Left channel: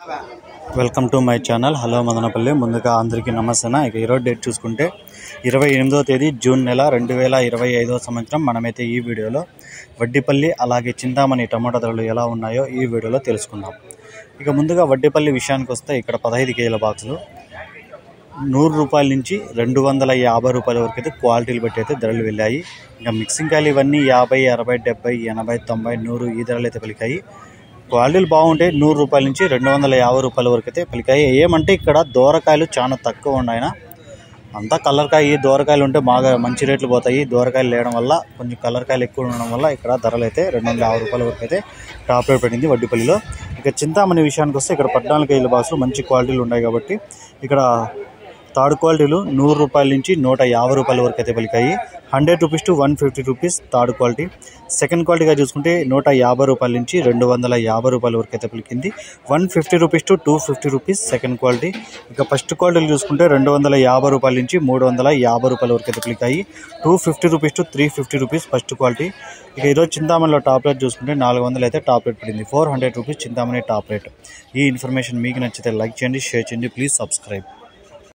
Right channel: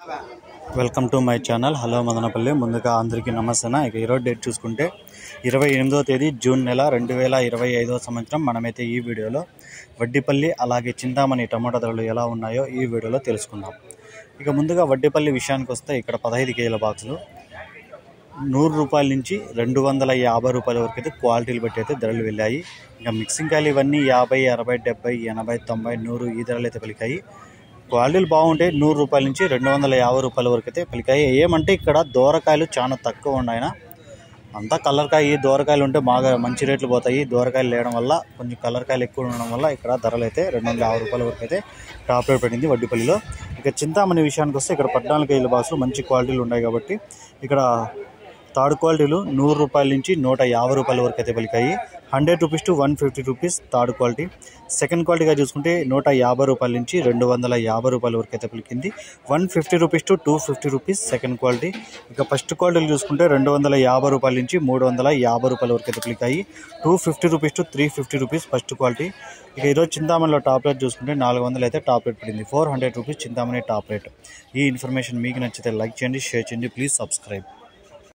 Welcome to my channel. Hello Madanapalle. ముందుగా అందరికీ నమస్తే. ఇక ఈరోజు డేట్ చూసుకుంటే 28వ తేదీ జూన్ నెల 2025వ సంవత్సరం. మనమైతే ఈ వీడియోలో వడ్డిపల్లి అలాగే చింతామణి టమాటా ధరలు ఎలా ఉన్నాయో ఈ వీడియోలో తెలుసుకుందాం. ఇక ముందుగా వడ్డిపల్లి విషయానికి వస్తే ఇక్కడ 15 కేజీల బాక్సులు 100 రూపాయల నుంచి 250 రూపాయల వరకు అయితే క్వాలిటీలు బట్టి అయితే ధరలు వెళ్ళాయి. ఇంకా మిక్సింగ్ కాయలు ఇవన్నీ 50, 60, 70, 80, 90, 100 ఈ ధరలు అయితే పలికాయి. క్వాలిటీలు బాగుంటాయి. 100 రూపాయల నుంచి 250 రూపాయల వరకు అయితే పలికాయి. ఏమంటే ఇక్కడ దూరకాయలు చాలా తక్కువ ఉన్నాయి. అంతా కలర్కాయ. ఈ దూరకాయలు ఉంటే బాగా మంచి రేట్లు పోతాయి. దూరకాయలు లేయడం వల్ల కొంచెం కలర్కాయలు ఎక్కువ ఉండడం వల్ల ఇక్కడ ధరలు అయితే 250 రూపాయల వరకు అయితే టాప్ రేట్ పడింది వడ్డిపల్లిలో. ఇక చింతామణి విషయానికి వస్తే ఇక్కడ 14 కేజీల బాక్సులు మంచి క్వాలిటీలు ఉన్నాయి కాబట్టి ఇక్కడ థర్డ్ క్వాలిటీలు 100 రూపాయల నుంచి 150 రూపాయల వరకు అయితే పలికాయి. 100 rupees to 150 rupees third quality. Second క్వాలిటీగా చూసుకుంటే 150 రూపాయల నుంచి 250 రూపాయల వరకు అయితే పలికింది. 150 rupees to 250 rupees second quality. ఇక ఫస్ట్ క్వాలిటీలు చూసుకుంటే 250 రూపాయల నుంచి 350 రూపాయల వరకు అయితే పలికాయి. 250 rupees to 350 rupees first quality. ఇక ఈరోజు చింతామణిలో టాప్ రేట్ చూసుకుంటే 400 అయితే టాప్ రేట్ పడింది. 400 రూపీస్ చింతామణి టాప్ రేట్. ఈ ఇన్ఫర్మేషన్ మీకు నచ్చితే లైక్ చేయండి, షేర్ చేయండి, ప్లీజ్ సబ్స్క్రైబ్.